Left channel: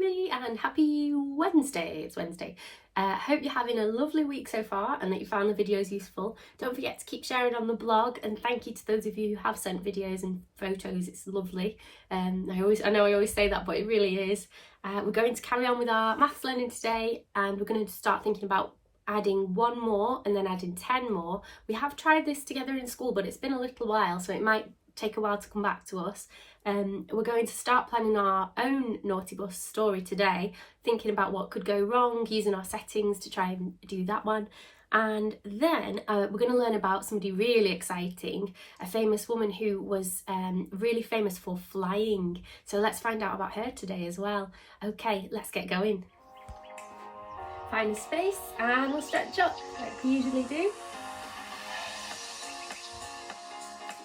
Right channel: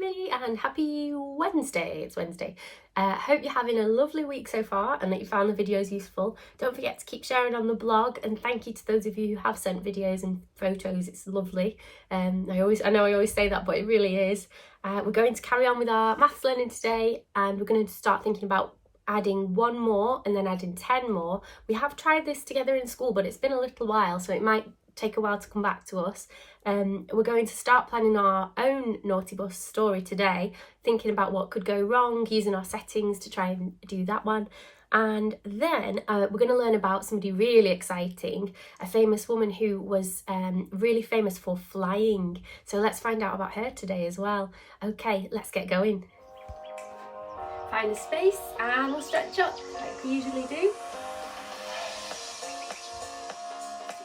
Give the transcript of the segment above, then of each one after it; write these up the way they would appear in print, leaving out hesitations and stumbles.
everybody, and happy Wednesday. It's Wednesday. Hope you're having a lovely week so far and that you found the videos useful. Don't forget to keep sharing on the blog, and thank you to those of you who have sent videos and photos. It's lovely. I know I always say that, but it really is. We're going to carry on with our maths learning today, and we're going to start thinking about adding one more and then adding 10 more. We have tried this together in school, but it's been a little while, so it might take a while to come back to us. We're going to start planning our own naughty bus story today, thinking about what could go wrong, using our settings to try and do that one. And then we're going to learn about somebody really exciting, a famous woman who was really famous for flying. So let's find out about her today as well. Okay, let's get going. Find a space and we'll stretch up like we usually do.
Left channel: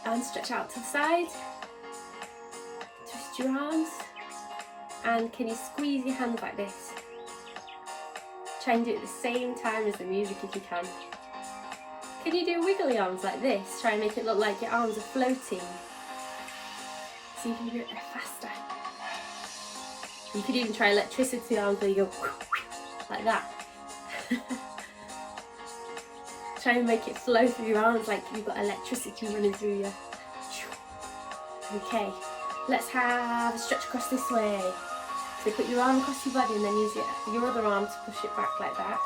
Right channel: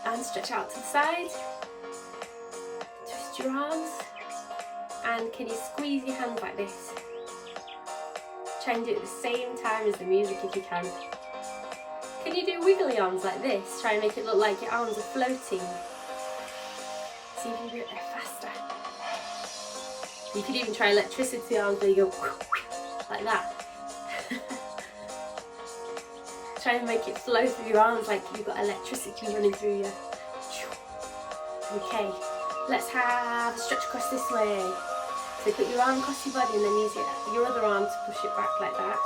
And stretch out to the side. Twist your arms. And can you squeeze your hands like this? Try and do it at the same time as the music if you can. Can you do wiggly arms like this? Try and make it look like your arms are floating. See if you can do it faster. You could even try electricity arms where you go like that. Try and make it flow through your arms like you've got electricity running through you. Okay, let's have a stretch across this way. So put your arm across your body and then use your other arm to push it back like that.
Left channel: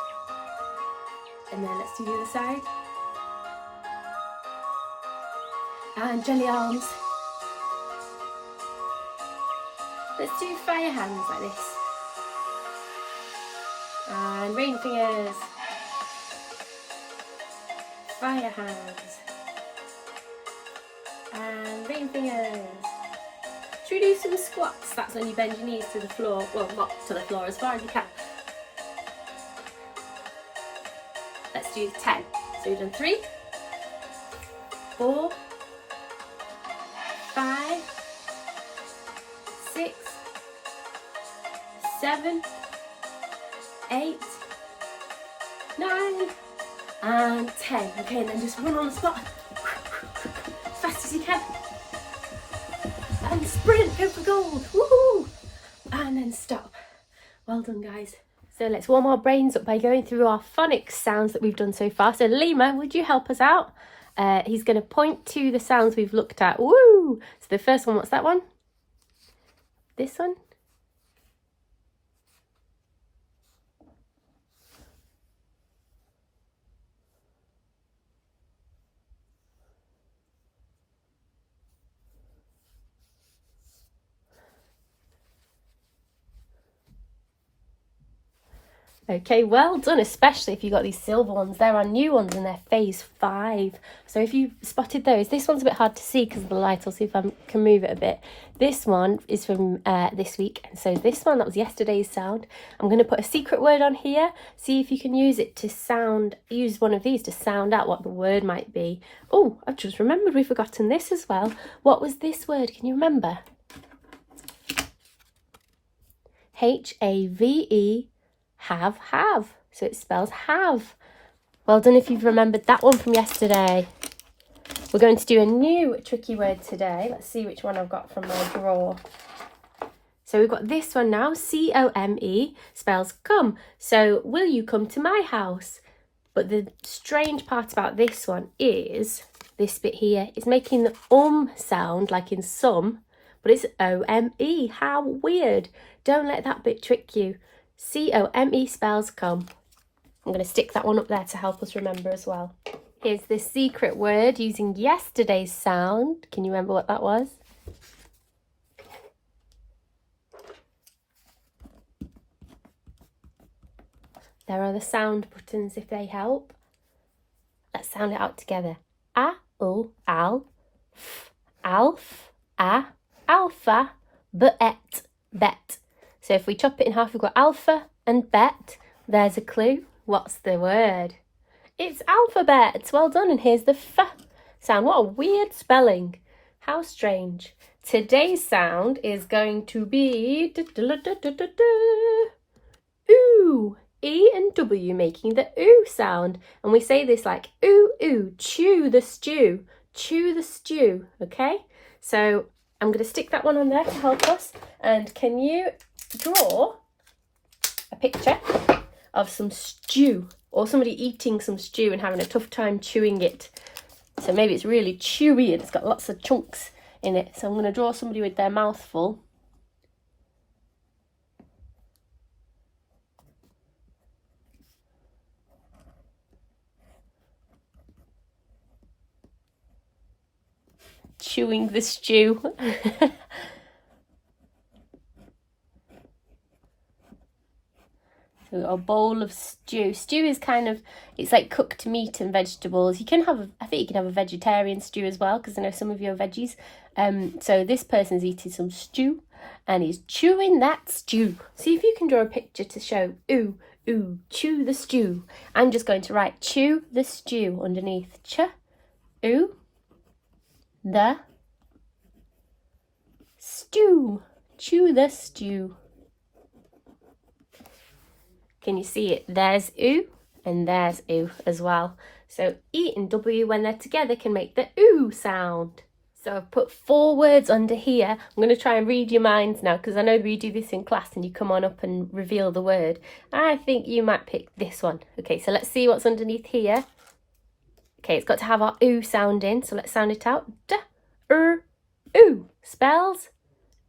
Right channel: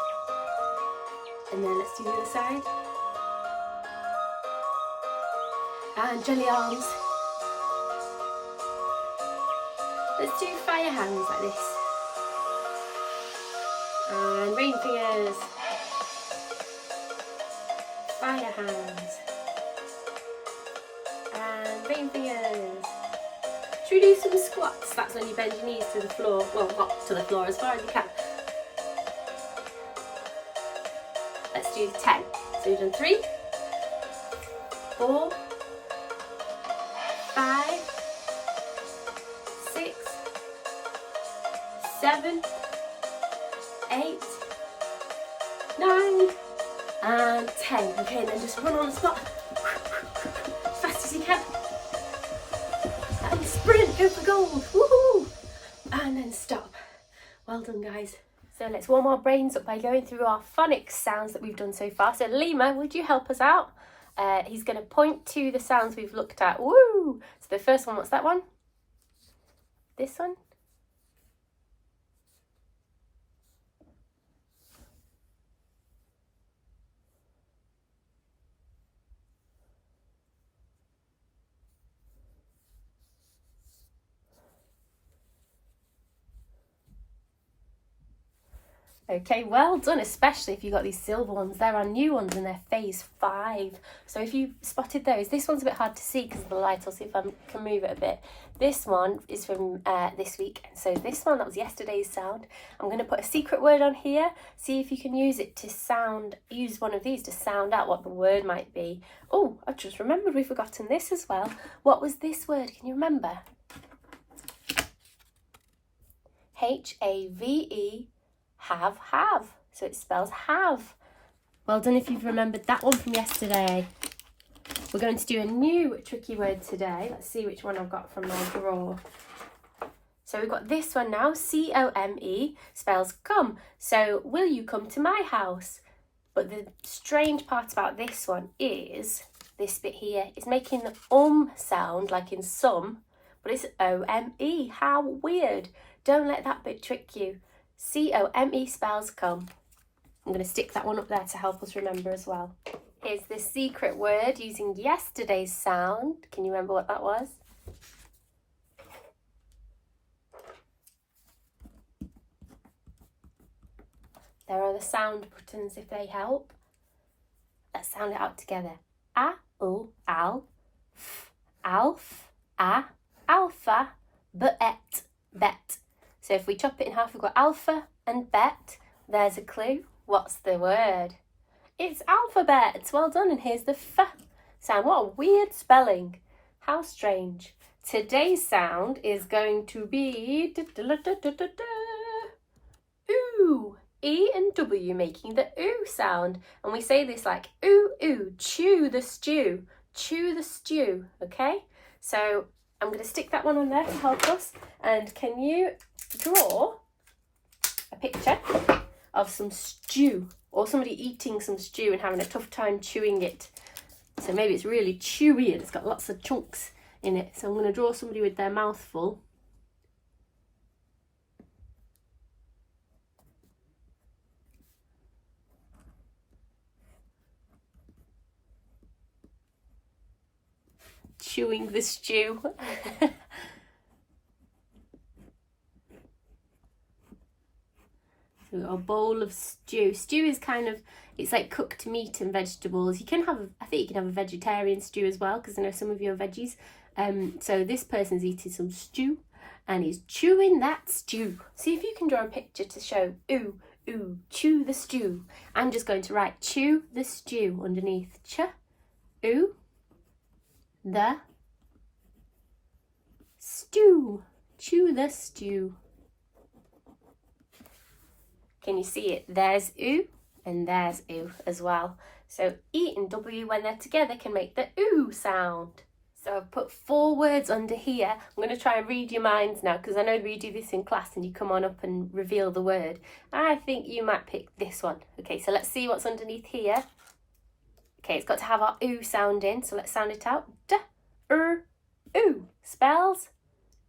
And then let's do the other side. And jelly arms. Let's do fire hands like this. And rain fingers. Fire hands. And rain fingers. Should we do some squats? That's when you bend your knees to the floor. Well, not to the floor, as far as you can. Let's do 10. So we've done 3, 4, 5, 6, 7, 8, 9, and 10. Okay, and then just run on the spot as fast as you can. And sprint, go for gold. Woohoo! And then stop. Well done, guys. So let's warm our brains up by going through our phonics sounds that we've done so far. So Lima, would you help us out? He's going to point to the sounds we've looked at. Woo! So the first one, what's that one? This one? Okay, well done, especially if you got these silver ones. They're our new ones and they're phase 5. So if you spotted those, this one's a bit hard to see because of the light. I'll see if I can move it a bit. This one is from this week. So this one, that was yesterday's sound. I'm going to put a secret word on here. See if you can use it to use one of these to sound out what the word might be. Oh, I've just remembered we've forgotten this as well. What was this word? Can you remember? H-A-V-E. Have. So it spells have. Well done if you've remembered that one from yesterday. We're going to do a new tricky word today. Let's see which one I've got from my drawer. So we've got this one now. C-O-M-E spells come. So will you come to my house? But the strange part about this one is this bit here. It's making the sound like in some, but it's O-M-E. How weird. Don't let that bit trick you. C-O-M-E spells come. I'm going to stick that one up there to help us remember as well. Here's the secret word using yesterday's sound. Can you remember what that was? There are the sound buttons if they help. Let's sound it out together. A, U, al, f, alf, a, alpha, bet, bet. So if we chop it in half, we've got alpha and bet. There's a clue. What's the word? It's alphabet. Well done. And here's the f sound. What a weird spelling. How strange. Today's sound is going to be ooh. E and W making the ooh sound. And we say this like ooh, ooh, chew the stew. Chew the stew. Okay? So I'm going to stick that one on there to help us. And can you draw a picture of some stew, or somebody eating some stew and having a tough time chewing it. So maybe it's really chewy and it's got lots of chunks in it. So I'm going to draw somebody with their mouth full. Chewing the stew. So a bowl of stew. Stew is kind of, it's like cooked meat and vegetables. You can have, I think you can have a vegetarian stew as well, because I know some of you are veggies. So this person's eating some stew and he's chewing that stew. See if you can draw a picture to show, ooh, ooh, chew the stew. I'm just going to write chew the stew underneath. Ch, ooh, the stew. Chew the stew. Can you see it? There's ooh and there's ooh as well. So E and W, when they're together, can make the ooh sound. So I've put 4 words under here. I'm going to try and read your minds now, because I know we do this in class and you come on up and reveal the word. I think you might pick this one. Okay, so let's see what's underneath here. Okay, it's got to have our ooh sound in, so let's sound it out. Ooh spells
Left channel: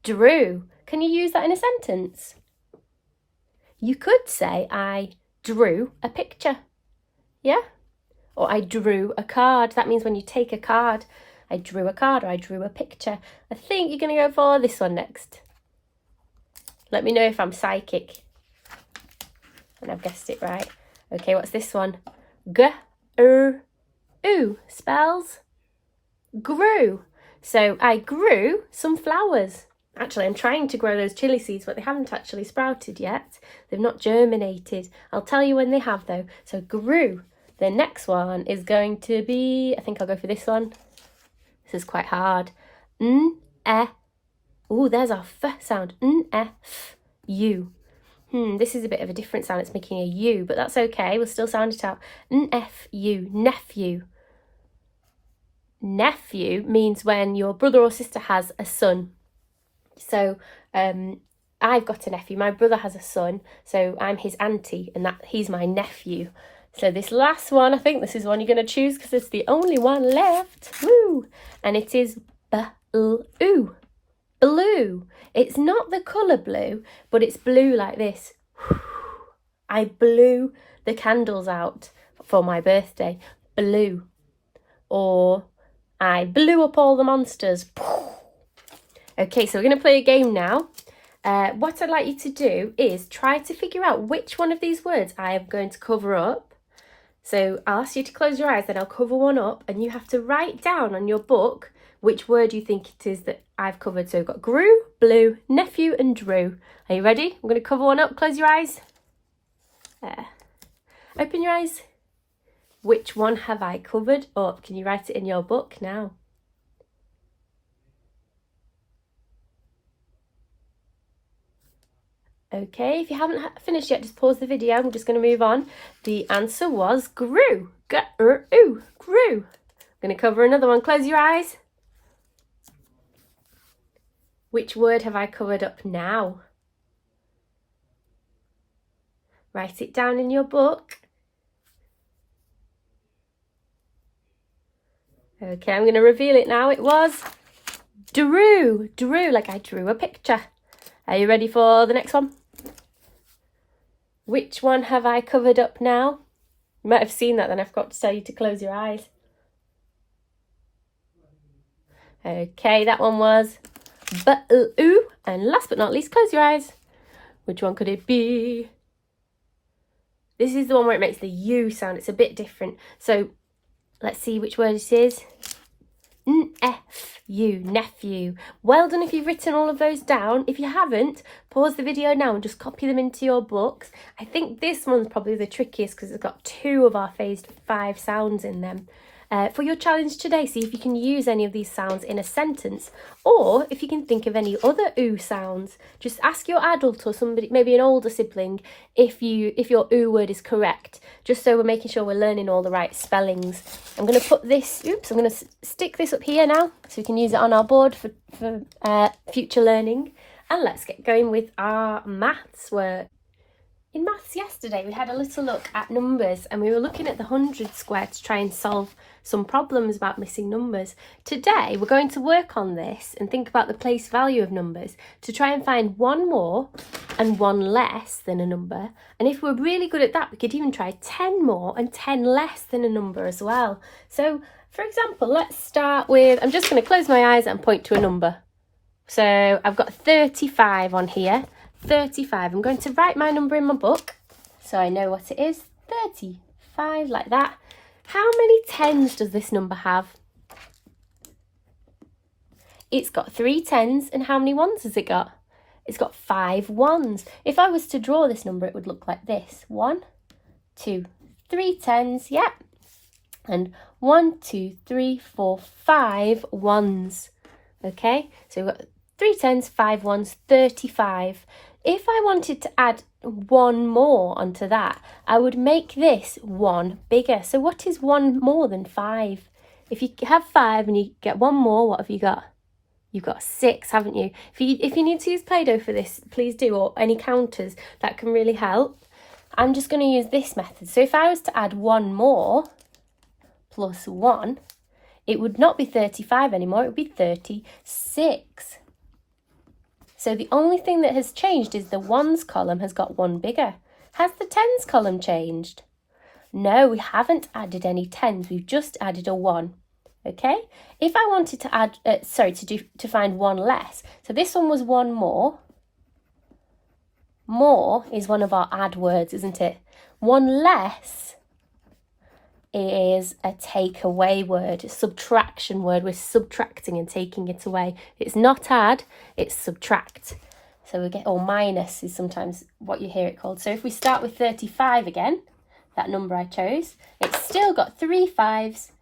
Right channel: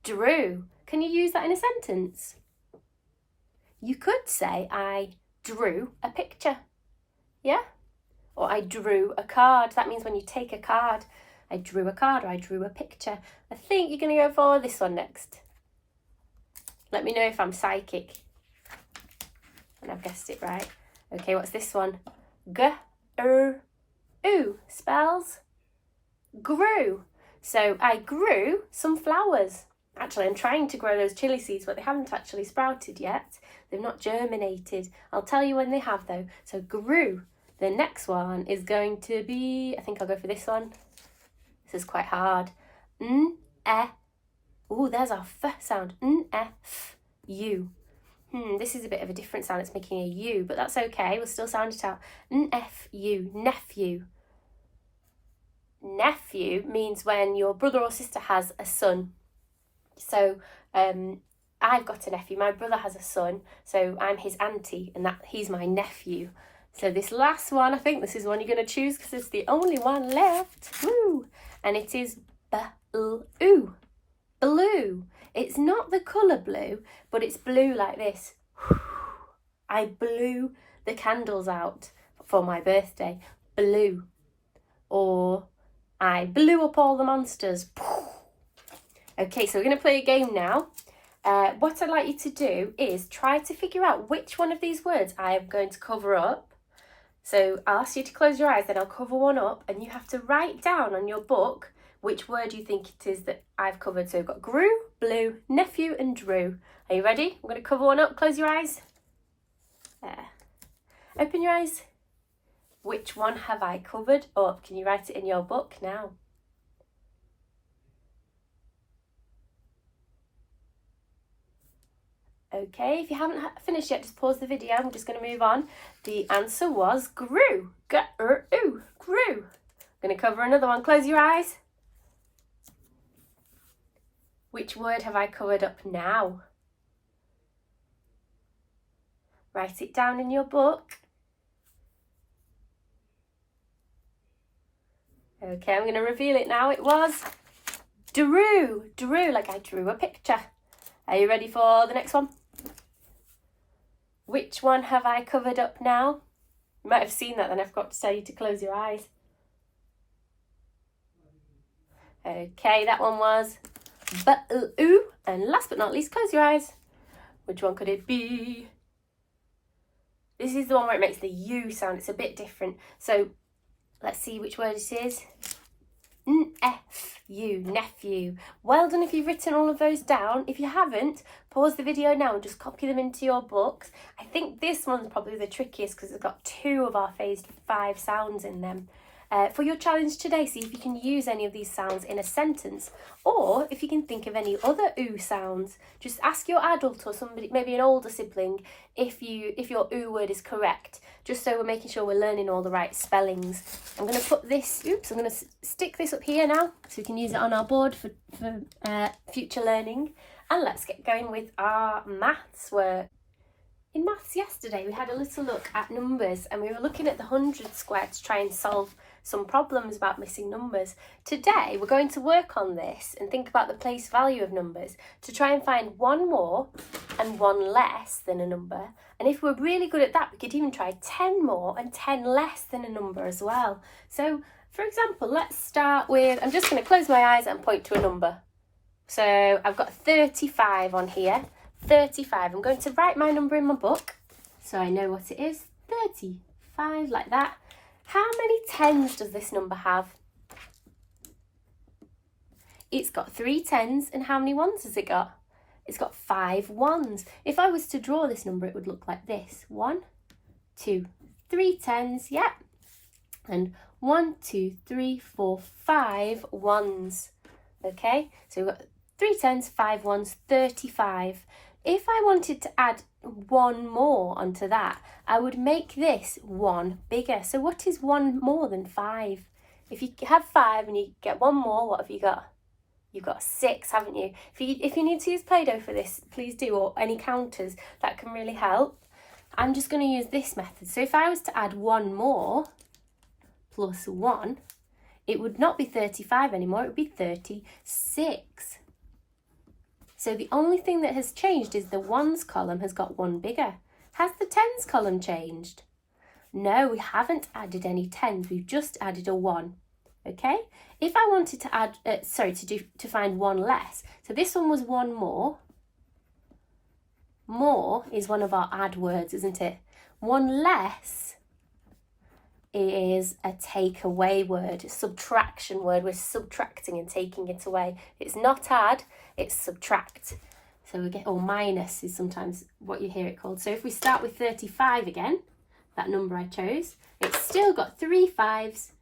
drew. Can you use that in a sentence? You could say, I drew a picture. Yeah? Or I drew a card. That means when you take a card, I drew a card or I drew a picture. I think you're going to go for this one next. Let me know if I'm psychic and I've guessed it right. Okay, what's this one? Ooh spells grew. So I grew some flowers. Actually, I'm trying to grow those chili seeds, but they haven't actually sprouted yet. They've not germinated. I'll tell you when they have, though. So grew. The next one is going to be, I think I'll go for this one. This is quite hard. Ooh, there's our f sound. U. This is a bit of a different sound. It's making a U, but that's okay. We'll still sound it out. Nephew. Nephew. Nephew means when your brother or sister has a son. So I've got a nephew. My brother has a son, so I'm his auntie, and he's my nephew. So this last one, I think this is one you're going to choose because it's the only one left. Woo! And it is blue. Blue. It's not the colour blue, but it's blue like this. I blew the candles out for my birthday. Blue. Or I blew up all the monsters. Okay, so we're going to play a game now. What I'd like you to do is try to figure out which one of these words I am going to cover up. So I'll ask you to close your eyes, then I'll cover one up, and you have to write down on your book which word you think it is that I've covered. So we've got grew, blue, nephew, and drew. Are you ready? I'm going to cover one up. Close your eyes. There. Open your eyes. Which one have I covered? Or can you write it in your book now? Okay, if you haven't finished yet, just pause the video. I'm just going to move on. The answer was grew. Grew. I'm going to cover another one. Close your eyes. Which word have I covered up now? Write it down in your book. Okay, I'm going to reveal it now. It was drew. Drew, like I drew a picture. Are you ready for the next one? Which one have I covered up now? You might have seen that, then I forgot to tell you to close your eyes. Okay, that one was ooh. And last but not least, close your eyes. Which one could it be? This is the one where it makes the U sound. It's a bit different. So let's see which word it is. Nephew. Well done if you've written all of those down. If you haven't, pause the video now and just copy them into your books. I think this one's probably the trickiest because it's got 2 of our phased 5 sounds in them. For your challenge today, see if you can use any of these sounds in a sentence, or if you can think of any other ooh sounds. Just ask your adult or somebody, maybe an older sibling, if your ooh word is correct, just so we're making sure we're learning all the right spellings. I'm going to put this, I'm going to stick this up here now so we can use it on our board for future learning. And let's get going with our maths work. In maths yesterday we had a little look at numbers and we were looking at the 100 square to try and solve some problems about missing numbers. Today we're going to work on this and think about the place value of numbers to try and find one more and one less than a number. And if we're really good at that, we could even try 10 more and 10 less than a number as well. So for example, let's start with, I'm just going to close my eyes and point to a number. So I've got 35 on here. 35. I'm going to write my number in my book so I know what it is. 35, like that. How many tens does this number have? It's got 3 tens, and how many ones has it got? It's got 5 ones. If I was to draw this number, it would look like this. 1, 2, 3 tens, yep. And 1, 2, 3, 4, 5 ones. Okay, so we've got 3 tens, 5 ones, 35. If I wanted to add one more onto that, I would make this one bigger. So what is one more than 5? If you have 5 and you get one more, what have you got? You've got 6, haven't you? If you need to use Play-Doh for this, please do, or any counters, that can really help. I'm just going to use this method. So if I was to add one more plus 1, it would not be 35 anymore, it would be 36. So the only thing that has changed is the ones column has got one bigger. Has the tens column changed? No, we haven't added any tens. We've just added a 1. Okay. If I wanted to add, to find one less. So this one was one more. More is one of our add words, isn't it? One less is a take away word, a subtraction word. We're subtracting and taking it away. It's not add, it's subtract. So we get, or minus is sometimes what you hear it called. So if we start with 35 again, that number I chose, it's still got 3 tens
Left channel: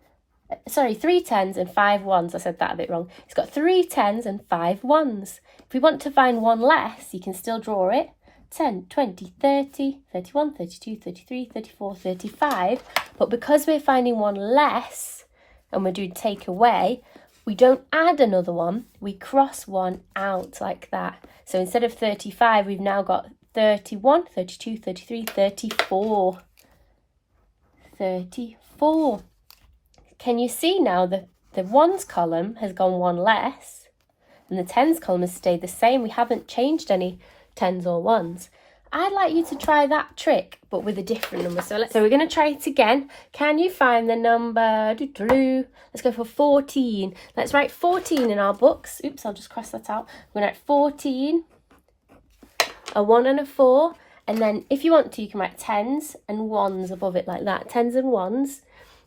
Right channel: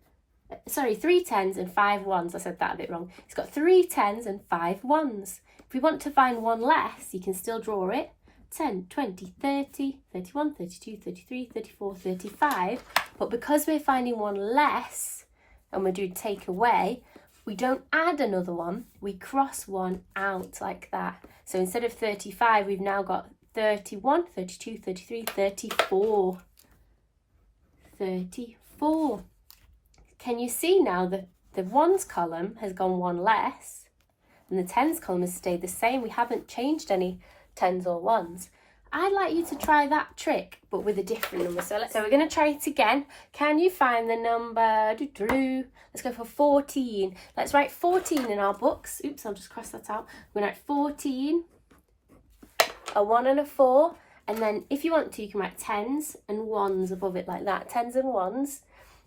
and 5 ones. I said that a bit wrong. It's got 3 tens and 5 ones. If we want to find one less, you can still draw it. 10, 20, 30, 31, 32, 33, 34, 35. But because we're finding one less and we're doing take away, we don't add another one, we cross one out like that. So instead of 35, we've now got 31, 32, 33, 34. 34. Can you see now the ones column has gone one less and the tens column has stayed the same? We haven't changed any tens or ones. I'd like you to try that trick but with a different number. So we're going to try it again. Can you find the number? Let's go for 14. Let's write 14 in our books. Oops, I'll just cross that out. We're going to write 14, a 1 and a 4, and then if you want to you can write tens and ones above it like that. Tens and ones.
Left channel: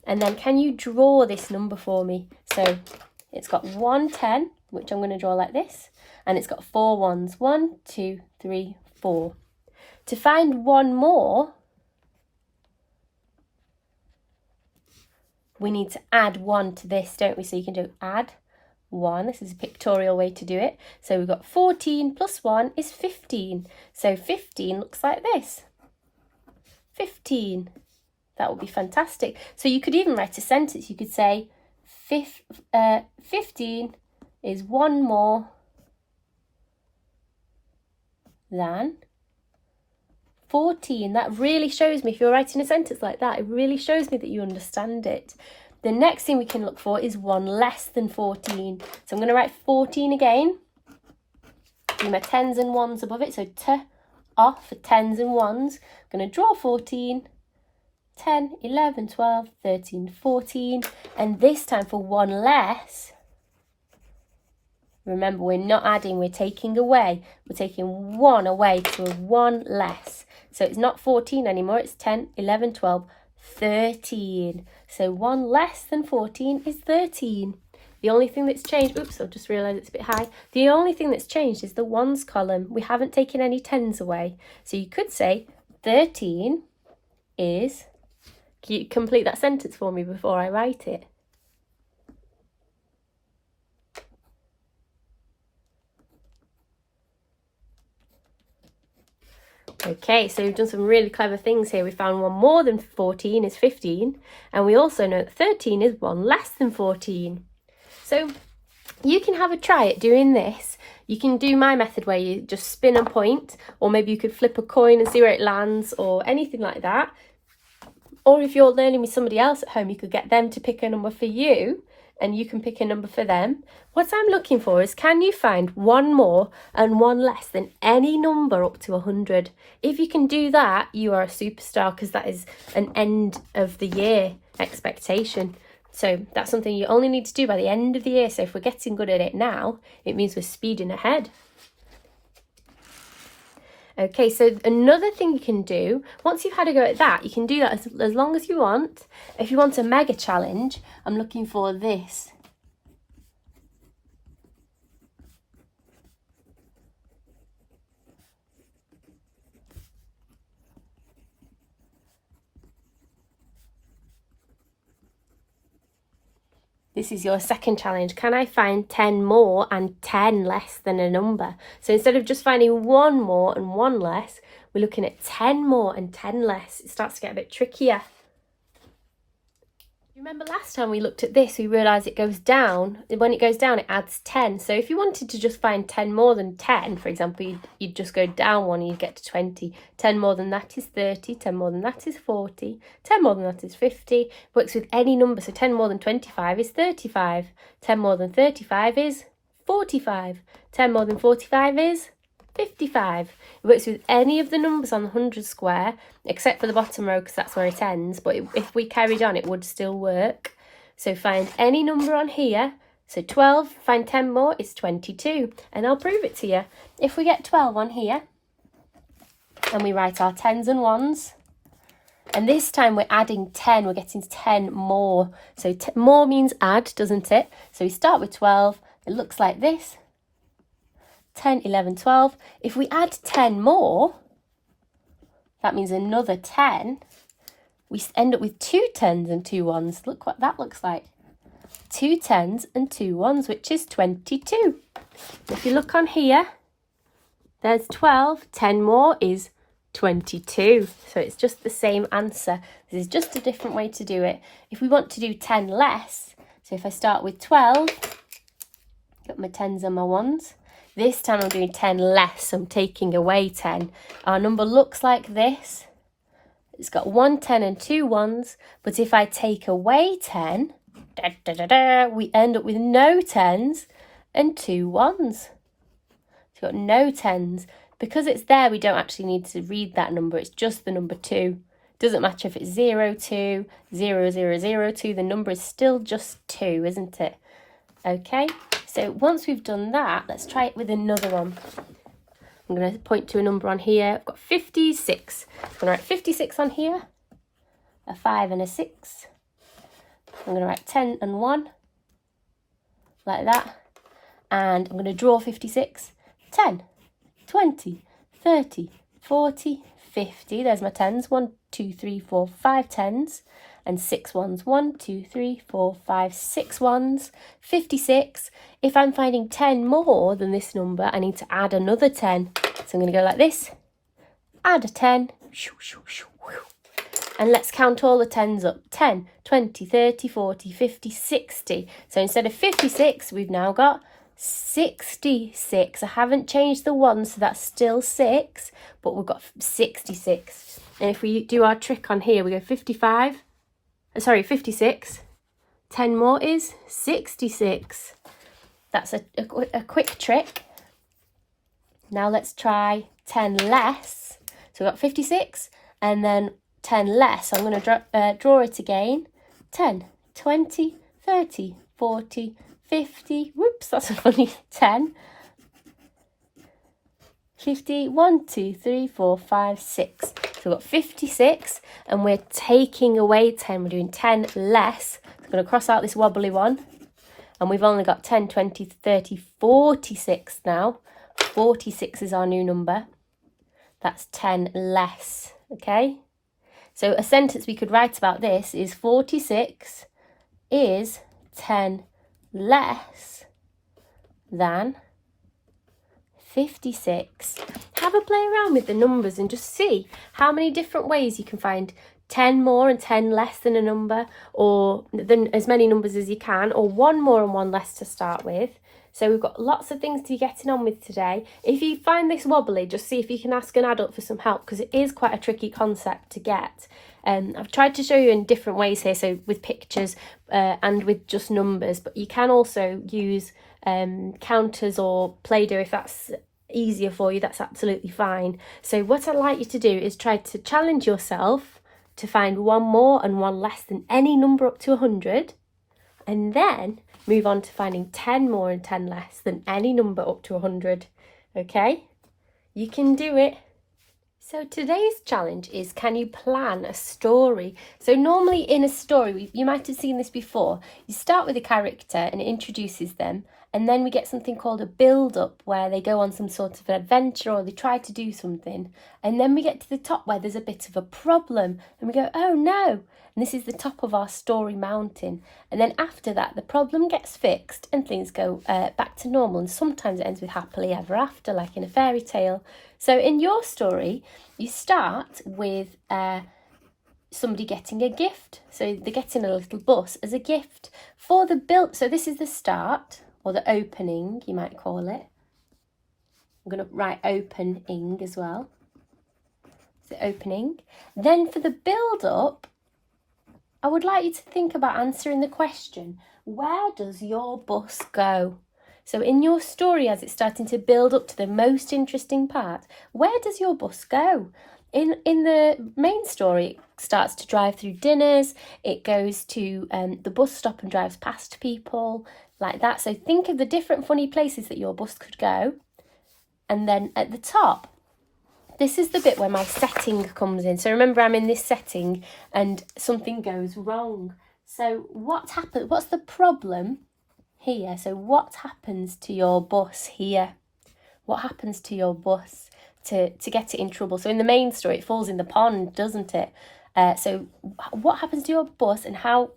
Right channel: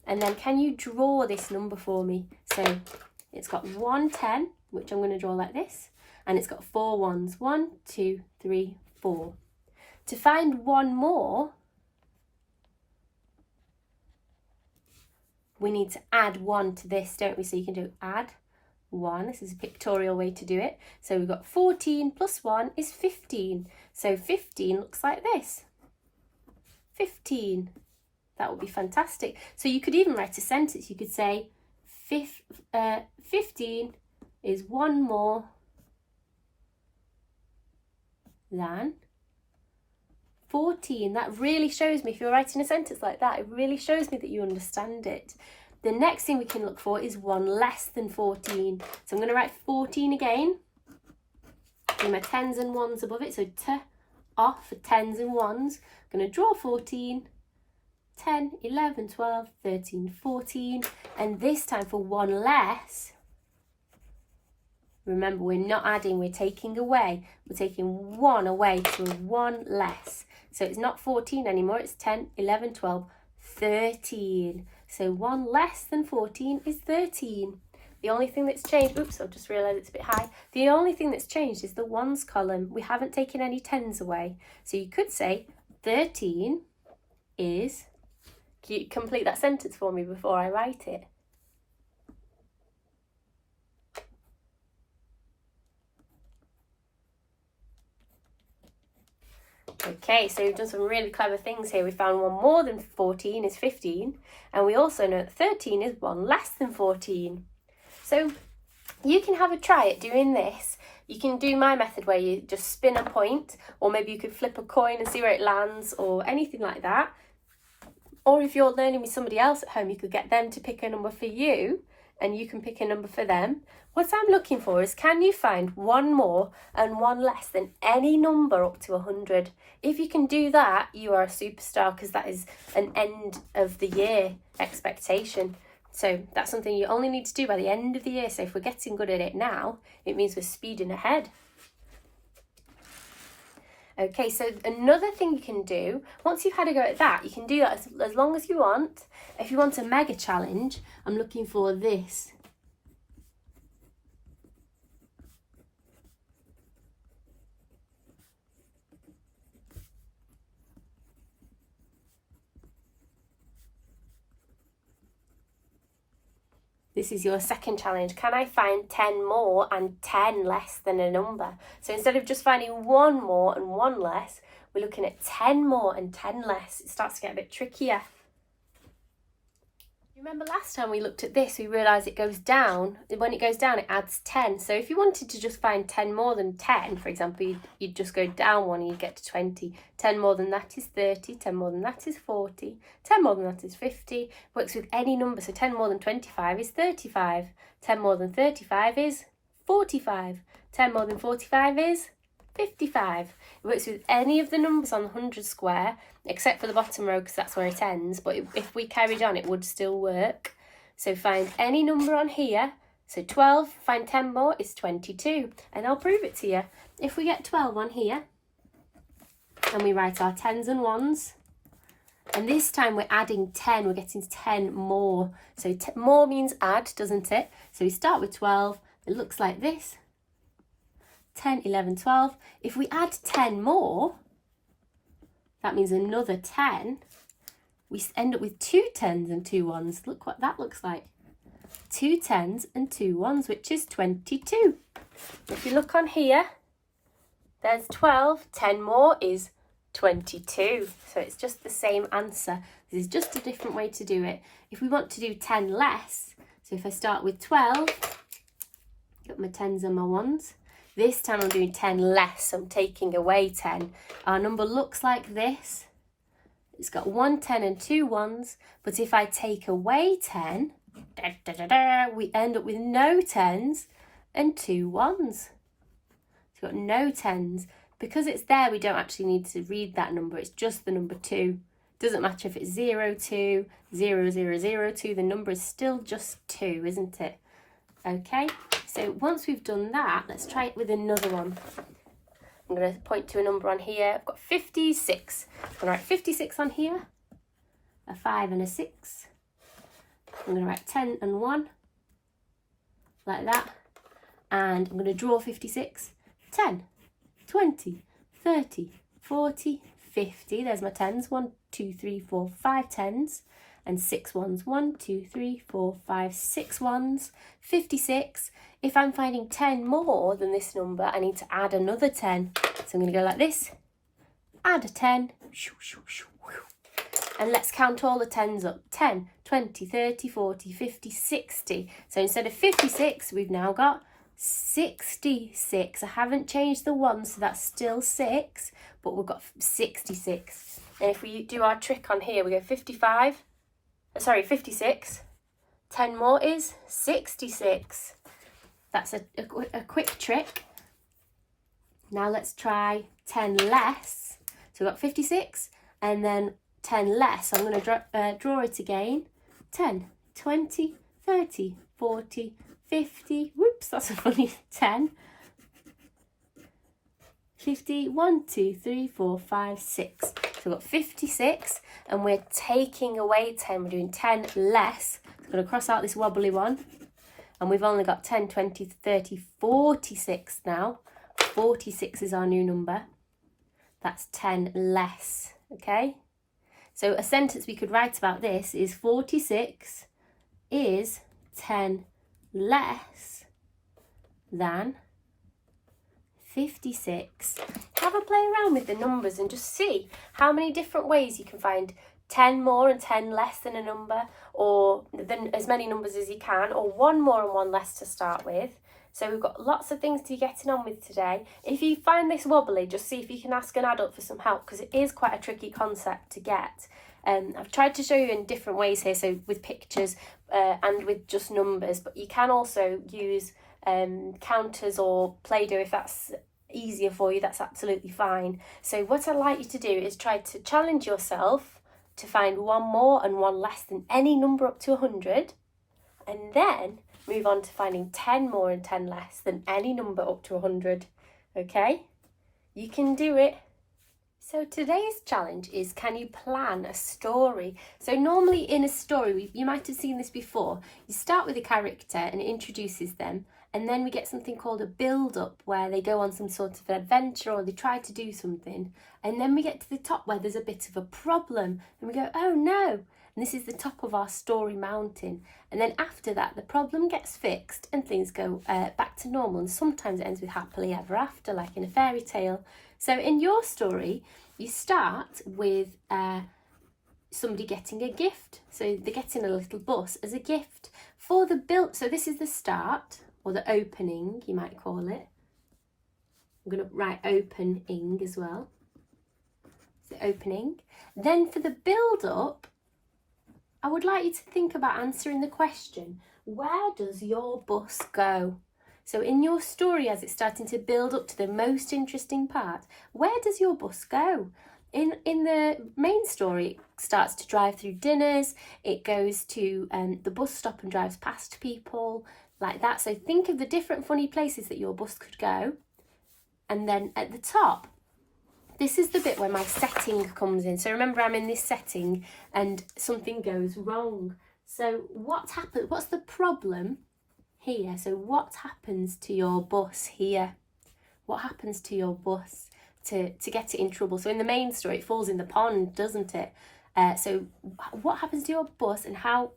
And then can you draw this number for me? So it's got 1 10, which I'm going to draw like this. And it's got 4 ones. 1, 2, 3, 4. To find one more, we need to add 1 to this, don't we? So you can do add 1. This is a pictorial way to do it. So we've got 14 plus 1 is 15. So 15 looks like this. 15. That would be fantastic. So you could even write a sentence. You could say 15 is one more than 14. That really shows me, if you're writing a sentence like that, it really shows me that you understand it. The next thing we can look for is one less than 14. So I'm going to write 14 again. Do my tens and ones above it. So t off for tens and ones. I'm going to draw 14. 10, 11, 12, 13, 14. And this time for one less, remember, we're not adding, we're taking away. We're taking 1 away to a 1 less. So it's not 14 anymore, it's 10, 11, 12, 13. So 1 less than 14 is 13. The only thing that's changed, oops, I've just realised it's a bit high. The only thing that's changed is the ones column. We haven't taken any tens away. So you could say 13 is, can you complete that sentence for me before I write it? Okay, so we've done some really clever things here. We found one more than 14 is 15, and we also know that 13 is one less than 14. So you can have a try at doing this. You can do my method where you just spin a point, or maybe you could flip a coin and see where it lands, or anything like that. Or if you're learning with somebody else at home, you could get them to pick a number for you and you can pick a number for them. What I'm looking for is, can you find one more and one less than any number up to 100? If you can do that, you are a superstar, because that is an end of the year expectation. So that's something you only need to do by the end of the year. So if we're getting good at it now, it means we're speeding ahead. Okay, so another thing you can do, once you've had a go at that, you can do that as long as you want. If you want a mega challenge, I'm looking for this. This is your second challenge. Can I find 10 more and 10 less than a number? So instead of just finding one more and one less, we're looking at 10 more and 10 less. It starts to get a bit trickier. Remember last time we looked at this, we realised it goes down. When it goes down, it adds 10. So if you wanted to just find 10 more than 10, for example, you'd just go down one and you'd get to 20. 10 more than that is 30. 10 more than that is 40. 10 more than that is 50. Works with any number. So 10 more than 25 is 35. 10 more than 35 is 45. 10 more than 45 is 55. It works with any of the numbers on the 100 square, except for the bottom row, because that's where it ends. But if we carried on, it would still work. So find any number on here. So 12, find 10 more, it's 22. And I'll prove it to you. If we get 12 on here, and we write our 10s and 1s, and this time we're adding 10, we're getting 10 more. So more means add, doesn't it? So we start with 12, it looks like this. 10, 11, 12. If we add 10 more, that means another 10. We end up with 2 10s and 2 1s. Look what that looks like. 2 10s and 2 1s, which is 22. If you look on here, there's 12. 10 more is 22. So it's just the same answer. This is just a different way to do it. If we want to do 10 less, so if I start with 12, got my 10s and my 1s. This time I'm doing 10 less, I'm taking away 10. Our number looks like this. It's got 1 10 and 2 1s, but if I take away 10, we end up with no 10s and 2 1s. So we've got no 10s. Because it's there, we don't actually need to read that number, it's just the number 2. Doesn't matter if it's 0, 2, 0, 0, 0, 2, the number is still just 2, isn't it? Okay. So once we've done that, let's try it with another one. I'm going to point to a number on here. I've got 56. I'm going to write 56 on here, a 5 and a 6. I'm going to write 10 and 1, like that. And I'm going to draw 56. 10, 20, 30, 40, 50. There's my 10s. 1, 2, 3, 4, 5 10s. And 6 1s. 1, 2, 3, 4, 5, 6 1s. 56. If I'm finding 10 more than this number, I need to add another 10. So I'm going to go like this. Add a 10. And let's count all the 10s up. 10, 20, 30, 40, 50, 60. So instead of 56, we've now got 66. I haven't changed the 1, so that's still 6, but we've got 66. And if we do our trick on here, we go 56. 10 more is 66. That's a quick trick. Now let's try 10 less. So we've got 56 and then 10 less. So I'm going to draw it again. 10, 20, 30, 40, 50. Whoops, that's a funny 10. 50, 1, 2, 3, 4, 5, 6. So we've got 56 and we're taking away 10. We're doing 10 less. So I'm going to cross out this wobbly one. And we've only got 10, 20, 30, 46 now. 46 is our new number. That's 10 less, okay? So a sentence we could write about this is 46 is 10 less than 56. Have a play around with the numbers and just see how many different ways you can find 10 more and 10 less than a number, or than as many numbers as you can, or 1 more and 1 less to start with. So we've got lots of things to be getting on with today. If you find this wobbly, just see if you can ask an adult for some help, because it is quite a tricky concept to get. I've tried to show you in different ways here, so with pictures and with just numbers, but you can also use counters or Play-Doh if that's easier for you. That's absolutely fine. So what I'd like you to do is try to challenge yourself to find one more and one less than any number up to 100, and then move on to finding 10 more and 10 less than any number up to 100. Okay, you can do it. So today's challenge is, can you plan a story? So normally in a story, you might have seen this before, you start with a character and it introduces them, and then we get something called a build-up where they go on some sort of an adventure or they try to do something, and then we get to the top where there's a bit of a problem and we go, oh no, and this is the top of our story mountain. And then after that, the problem gets fixed and things go back to normal, and sometimes it ends with happily ever after, like in a fairy tale. So in your story, you start with somebody getting a gift. So they're getting a little bus as a gift for the build. So this is the start, or the opening, you might call it. I'm going to write opening as well. So opening. Then for the build-up, I would like you to think about answering the question, where does your bus go? So in your story, as it's starting to build up to the most interesting part, where does your bus go? In the main story, it starts to drive through dinners, it goes to the bus stop and drives past people, like that. So think of the different funny places that your bus could go. And then at the top, this is the bit where my setting comes in. So remember, I'm in this setting and something goes wrong. So what happened? What's the problem here? So what happens to your bus here? What happens to your bus to get it in trouble? So in the main story, it falls in the pond, doesn't it? So what happens to your bus, and how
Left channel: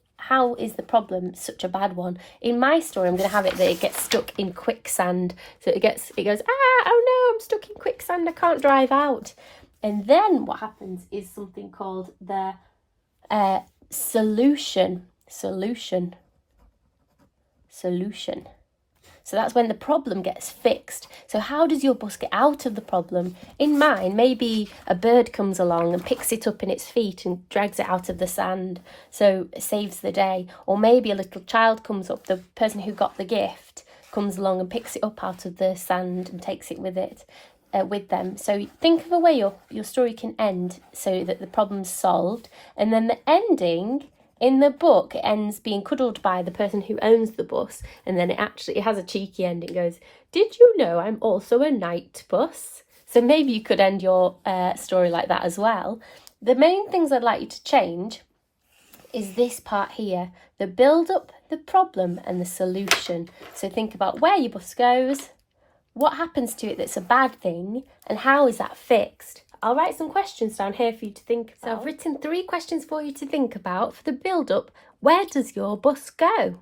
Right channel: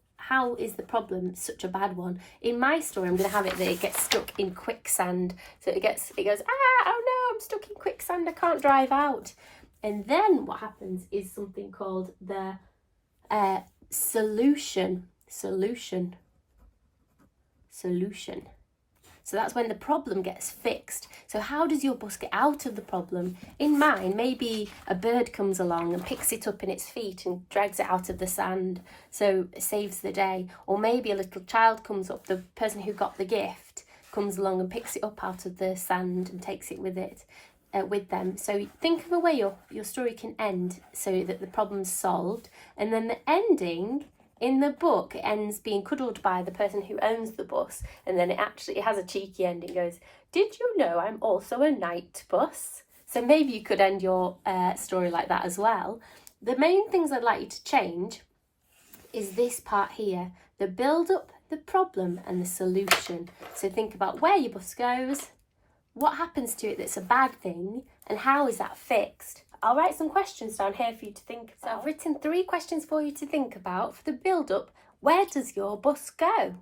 is the problem such a bad one? In my story, I'm going to have it that it gets stuck in quicksand. So it goes, oh no, I'm stuck in quicksand, I can't drive out. And then what happens is something called the solution. So that's when the problem gets fixed. So how does your bus get out of the problem? In mine, maybe a bird comes along and picks it up in its feet and drags it out of the sand, so it saves the day. Or maybe a little child comes up, the person who got the gift comes along and picks it up out of the sand and takes it with them. So think of a way your story can end so that the problem's solved. And then the ending, in the book, it ends being cuddled by the person who owns the bus, and then it has a cheeky ending. It goes, did you know I'm also a night bus? So maybe you could end your story like that as well. The main things I'd like you to change is this part here, the build-up, the problem and the solution. So think about where your bus goes, what happens to it that's a bad thing, and how is that fixed? I'll write some questions down here for you to think about. So I've written 3 questions for you to think about. For the build-up, where does your bus go?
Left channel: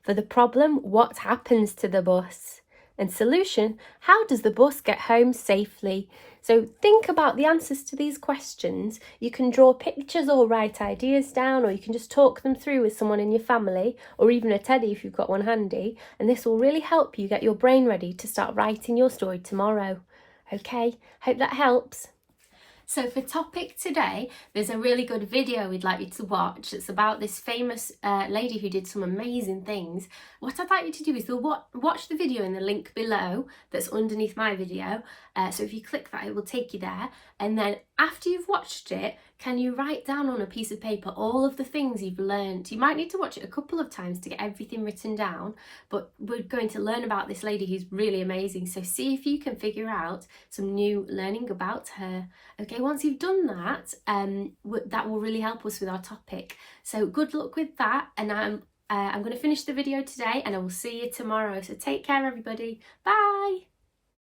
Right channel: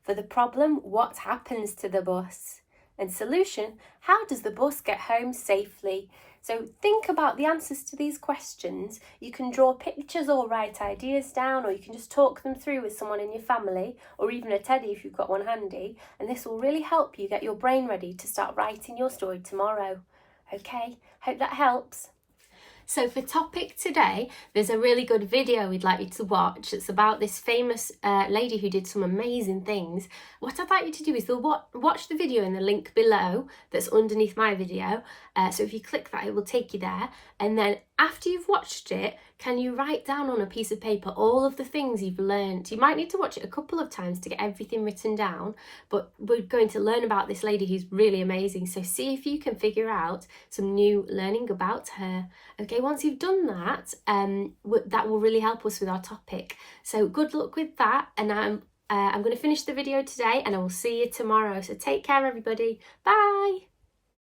For the problem, what happens to the bus? And solution, how does the bus get home safely? So think about the answers to these questions. You can draw pictures or write ideas down, or you can just talk them through with someone in your family, or even a teddy if you've got one handy. And this will really help you get your brain ready to start writing your story tomorrow. Okay, hope that helps. So for topic today, there's a really good video we'd like you to watch. It's about this famous lady who did some amazing things. What I'd like you to do is watch the video in the link below that's underneath my video. So if you click that, it will take you there. And then after you've watched it, can you write down on a piece of paper all of the things you've learned? You might need to watch it a couple of times to get everything written down, but we're going to learn about this lady who's really amazing. So see if you can figure out some new learning about her. Okay, once you've done that, that will really help us with our topic. So good luck with that, and I'm going to finish the video today and I will see you tomorrow. So take care, everybody. Bye.